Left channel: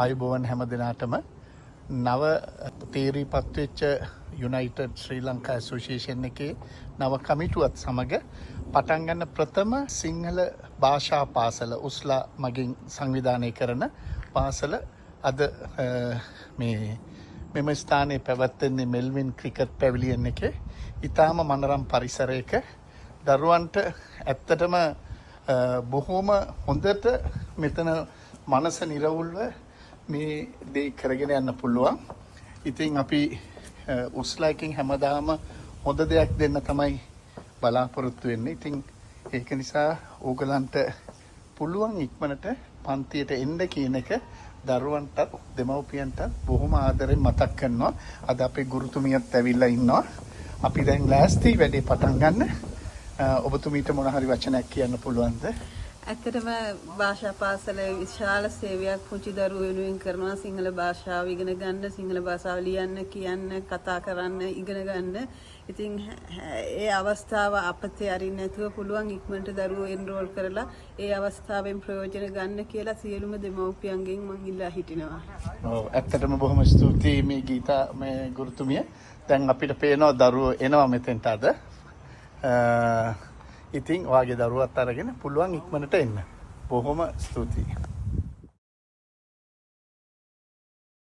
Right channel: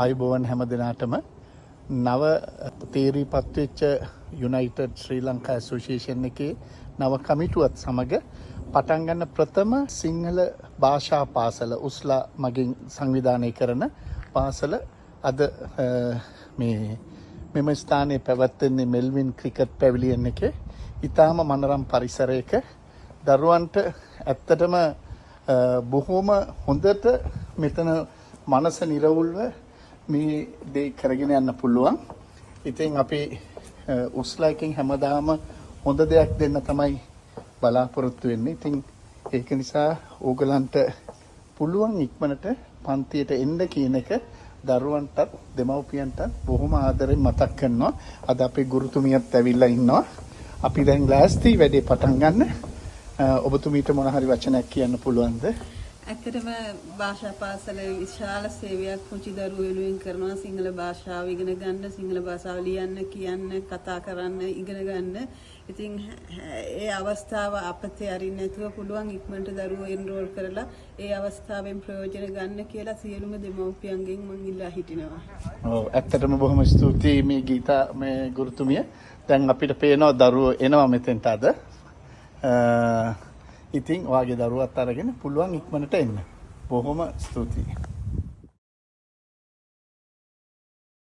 ආයුබෝවන් හැම දිනකටම නව තීරීපත් වෙච්ච යුනයිටඩ් ශ්‍රී ලංකා ඇසෝසියේෂන් එකේ නව කමිටුවත් සමග පටන් ගන්න ප්‍රථම සිංහල භාෂා පාසල උස්ලා මගින් සංවිධානය කරන පාසල අද මෙම ස්ථානයේ පැවැත්වෙන්නේ මෙල්වින් ක්‍රිකට් පැවිලියන් එකේ ඉතාම මනරම් පරිසරයක දරුවන්ට ඇත්තටම බොහෝම හොඳට මෙතන මනස නිරවුල්ව මේ දේ කරගෙන යන්න පුළුවන්. ඉතින් අපි උස්ලා එකෙන් හැමදාම හොඳ දෙයක් දෙන්න තමයි බලාපොරොත්තු වෙන්නේ. ඉතින් ඒක නිසා ඕගලන්ට පුළුවන් ඉක්මනට පන්තියට එන්න කියන එක දරුවන්ට දෙමව්පියන්ට බොහොම ආදරෙන් මතක් කරනවා. අද අපේ ගුරුතුමියත් ඇවිල්ලා ඉන්නවා. අපි දැන් ලෑස්ති වැඩේ පටන් ගන්න. ඔබතුමීට මොන හරි වචනයක් කියන්න පුළුවන්ද? ඇත්තටම භාෂා පාසල විශාල සේවයක් පුංචි දරුවෝ වෙනුවෙන් කරනවා. සිංහල භාෂාව ඉගෙන ගන්න, සිංහල භාෂාව ලියන්න, කියන්න, කතා කරන්න ඉගෙන ගන්න. ඉතින් ඒ අවස්ථාව අපතේ අරින්න නැතුව පුළුවන් ඉක්මනට දරුවෝ එන්රෝල් කරලා ඒ අවස්ථාවෙන් ප්‍රයෝජන ගන්න කියලා සියලුම දෙමව්පියන්ගෙන් මම ඉල්ලා හිටිනවා. ඇත්තටම බොහොම ස්තුතියි මේ ගීතා මේ ගුරුතුමිය. දැන් අපිට පේනවා දරුවෝ එනවා මෙතෙන්ට අද. ඉතින් වාගේ දරුවත් අරගෙන පුළුවන් ඉක්මනට එන්න. බොහොම ස්තුතියි.